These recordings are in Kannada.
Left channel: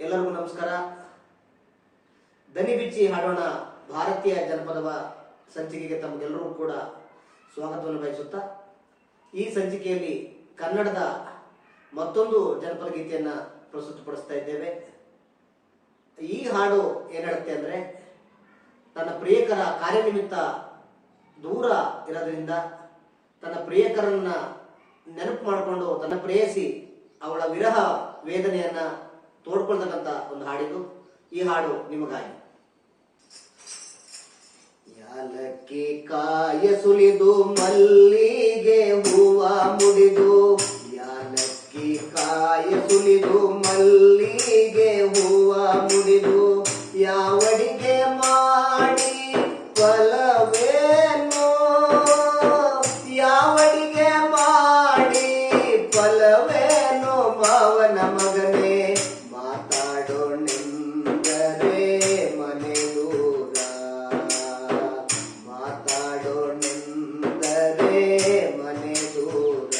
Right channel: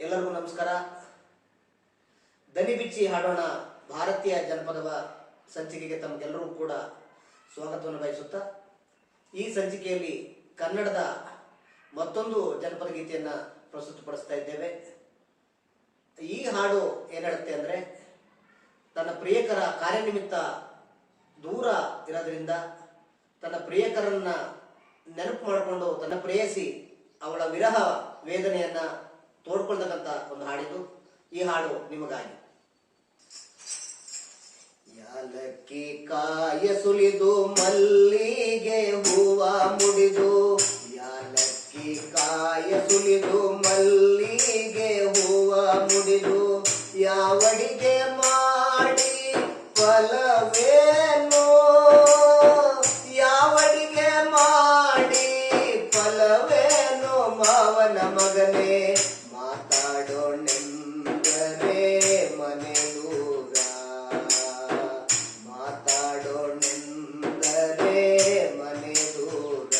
ಎಲ್ಲರಿಗೂ ನಮಸ್ಕಾರ. ದನಿ ಬಿಚ್ಚಿ ಹಾಡೋಣ ಭಾರತೀಯ ಜನಪದವ ಸಂಚಿಕೆಗೆ ತಮಗೆಲ್ಲರೂ ಕೂಡ ಸ್ವಾಗತವನ್ನು ಬಯಸುತ್ತಾ, ಈ ಸಂಚಿಕೆಯಲ್ಲಿ ಕನ್ನಡದ ಮತ್ತೊಂದು ಜನಪದ ಗೀತೆಯನ್ನ ಪ್ರಸ್ತುತಪಡಿಸ್ತಾ ಇದ್ದೇವೆ. ಈ ಹಾಡು ಏನ್ ಹೇಳುತ್ತೆ ಅಂದ್ರೆ, ತನ್ನ ಪ್ರಿಯಕರ ಕಾರ್ಯನಿಮಿತ್ತ ದೂರ ಇರೋದ್ರಿಂದ ತನ್ನ ಪ್ರಿಯಕರನ್ನ ನೆನಪು ಮಾಡಿಕೊಂಡು ತನ್ನ ಪ್ರೇಯಸಿ ಅವಳ ವಿರಹ ವೇದನೆಯನ್ನ ತೋಡ್ಕೊಳ್ತಕ್ಕಂಥ ಒಂದು ಹಾಡಿದು. ಈ ಹಾಡು ನಿಮಗಾಗಿ. ಯಾಲಕ್ಕಿ ಕಾಯ ಸುಲಿದು ಮಲ್ಲಿಗೆ ಹೂವ ಮುಡಿದು, ಯಾಲಕ್ಕಿ ಕಾಯ ಸುಲಿದು ಮಲ್ಲಿಗೆ ಹೂವ ಮುಡಿದು, ಯಾವಡಿಗೆ ಮಾಡಿ ಫಲವೇನು, ಯಾವಡಿಗೆ ಮಾಡಿ ಫಲವೇನು ಮಾವನ ಮಗನೇ, ಮಾತಾಡೋಣೆಂದರೆ ಮನೆ ದೂರ, ಮಾತಾಡೋಣೆಂದರೆ ಮನೆ ದೂರ.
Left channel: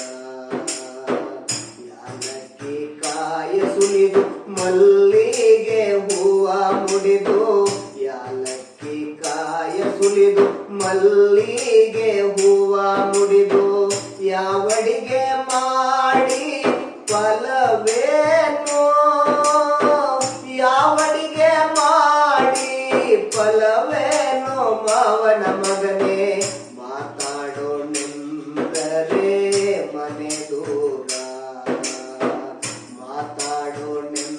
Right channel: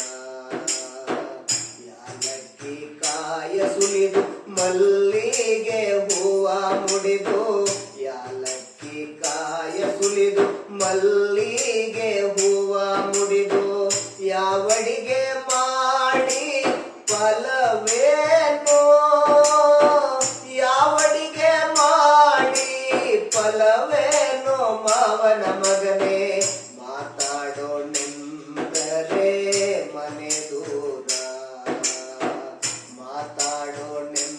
ಯಾಲಕ್ಕಿ ಕಾಯ ಸುಲಿದು ಮಲ್ಲಿಗೆ ಹೂವ ಮುಡಿದು, ಯಾಲಕ್ಕಿ ಕಾಯ ಸುಲಿದು ಮಲ್ಲಿಗೆ ಹೂವ ಮುಡಿದು, ಯಾವಡಿಗೆ ಮಾಡಿ ಫಲವೇನು, ಯಾವಡಿಗೆ ಮಾಡಿ ಫಲವೇನು ಮಾವನ ಮಗನೇ, ಮಾತಾಡೋಣೆಂದರೆ ಮನೆ ದೂರ, ಮಾತಾಡೋಣೆಂದರೆ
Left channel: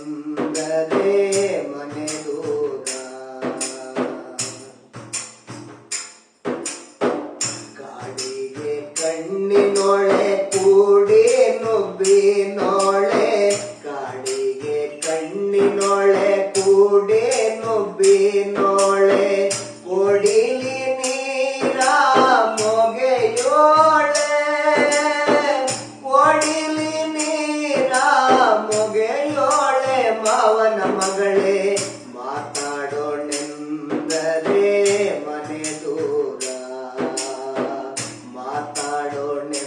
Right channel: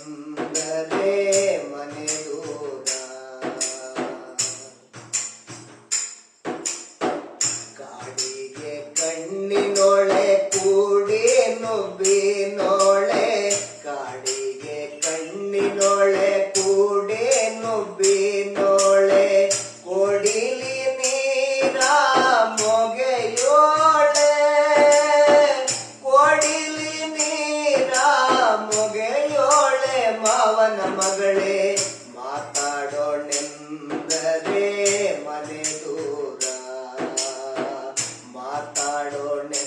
ಮನೆ ದೂರ. ಕಾಡಿಗೆ ಕಣ್ಣಿನೊಳೆ ಕೂಡಿ ನುಬ್ಬಿನೊಳೆ, ಕಾಡಿಗೆ ಕಣ್ಣಿನೊಳೆ ಕೂಡಿ ನುಬ್ಬಿನೊಳೆ, ಕೊಡಿಲಿ ನೀರ ಮೊಗೆಯೋಳೆ, ಕೊಡಿಲಿ ನೀರ ಮೊಗೆಯೋಳೆ ಮಾವನ ಮಗಳೇ, ಮಾತಾಡೋಣೆಂದರೆ ಮನೆ ದೂರ, ಮಾತಾಡೋಣೆಂದರೆ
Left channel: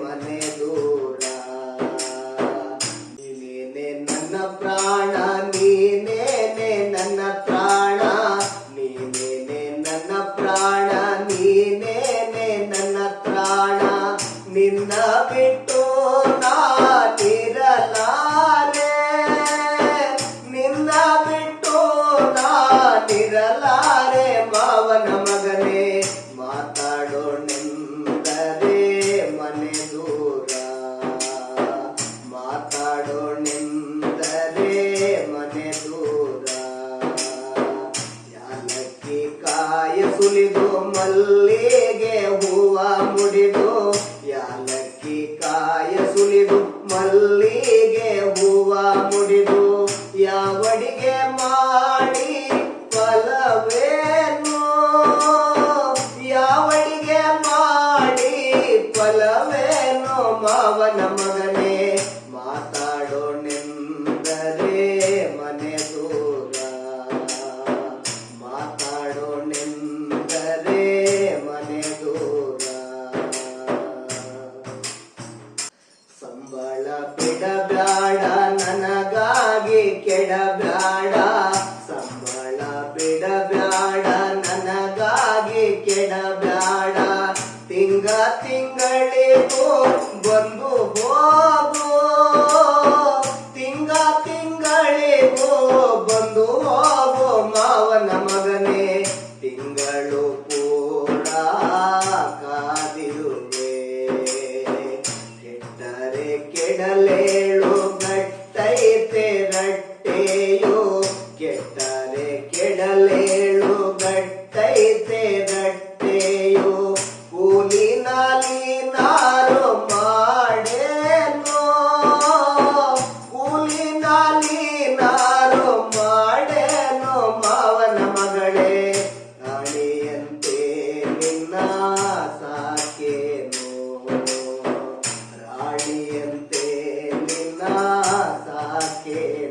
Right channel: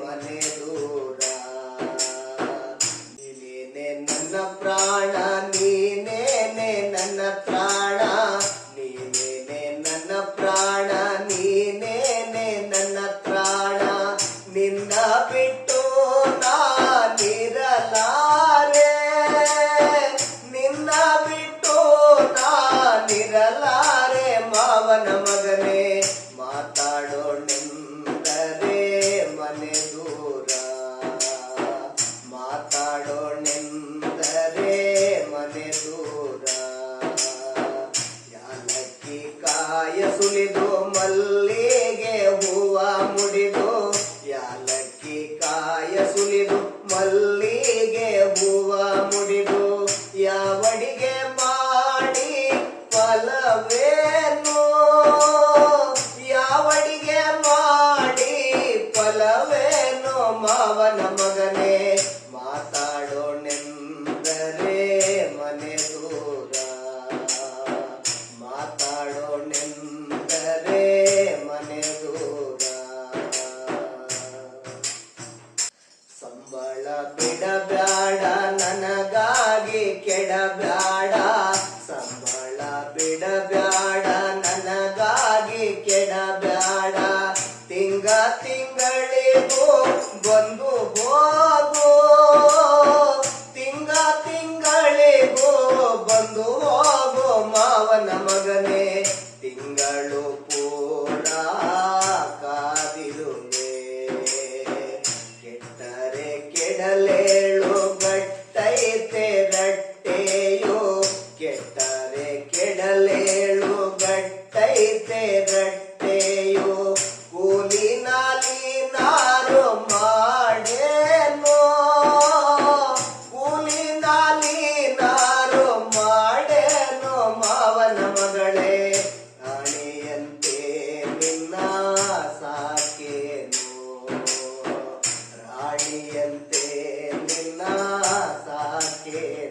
ಮನೆ ದೂರ. ನೀನೇನೆ ನನ್ನ ಪ್ರಾಣ, ನೀನೇನೆ ನನ್ನ ಪ್ರಾಣ, ನೀನೇನೆ ನನ್ನ ಪ್ರಾಣ, ನೀನೇನೆ ನನ್ನ ಪ್ರಾಣ, ನಿನ್ನ ಬಿಟ್ಟು ನಾನಿರಲಾರೆ, ನಿನ್ನ ಬಿಟ್ಟು ನಾನಿರಲಾರೆ ಮಾವನ ಮಗನೇ, ಮಾತಾಡೋಣೆಂದರೆ ಮನೆ ದೂರ, ಮಾತಾಡೋಣೆಂದರೆ ಮನೆ ದೂರ. ಯಾಲಕ್ಕಿ ಕಾಯ ಸುಲಿದು ಮಲ್ಲಿಗೆ ಹೂವ ಮುಡಿದು, ಯಾಲಕ್ಕಿ ಕಾಯ ಸುಲಿದು ಮಲ್ಲಿಗೆ ಹೂವ ಮುಡಿದು, ಯಾವಡಿಗೆ ಮಾಡಿ ಫಲವೇನು, ಯಾವಡಿಗೆ ಮಾಡಿ ಫಲವೇನು ಮಾವನ ಮಗನೇ, ಮಾತಾಡೋಣೆಂದರೆ ಮನೆ ದೂರ, ಮಾತಾಡೋಣೆಂದರೆ ಮನೆ ದೂರ. ಸಂಬಳ ಬಿಡಬ್ಯಾಡ ನನಗಾಗಿ ಕೆಡಬ್ಯಾಡ, ಸಂಬಳ ಬಿಡಬ್ಯಾಡ ನನಗಾಗಿ ಕೆಡಬ್ಯಾಡ, ತಿಂಗ ತಿಂಗಳಿಗೂ ಬಂದು ಹೋಗು, ತಿಂಗ ತಿಂಗಳಿಗೂ ಬಂದು ಹೋಗು ಮಾವನ ಮಗನೇ, ತಿಂಗಳು ಪೂರ ಕಾದಿರುವೆ, ಕೆಟ್ಟರೆ ಕೆಡಲೇಳು ಗಟ್ಟೈತೆ ರಟ್ಟೆಯು, ಕೆಟ್ಟರೆ ಕೆಡಲೇಳು ಗಟ್ಟೈತೆ ರಟ್ಟೆಯು, ಕೂಲಿ ನಾಲಿ ನಾರು ಮಾಡೇನು, ಕೂಲಿ ನಾಲಿ ನಾರು ಮಾಡೇನು ಮಾವನ ಮಗಳೇ, ರಾಣಿಯಂತೆ ನಿನ್ನ ಸಾಕೇನು, ರಾಣಿಯಂತೆ ನಿನ್ನ ಸಾಕೇನು.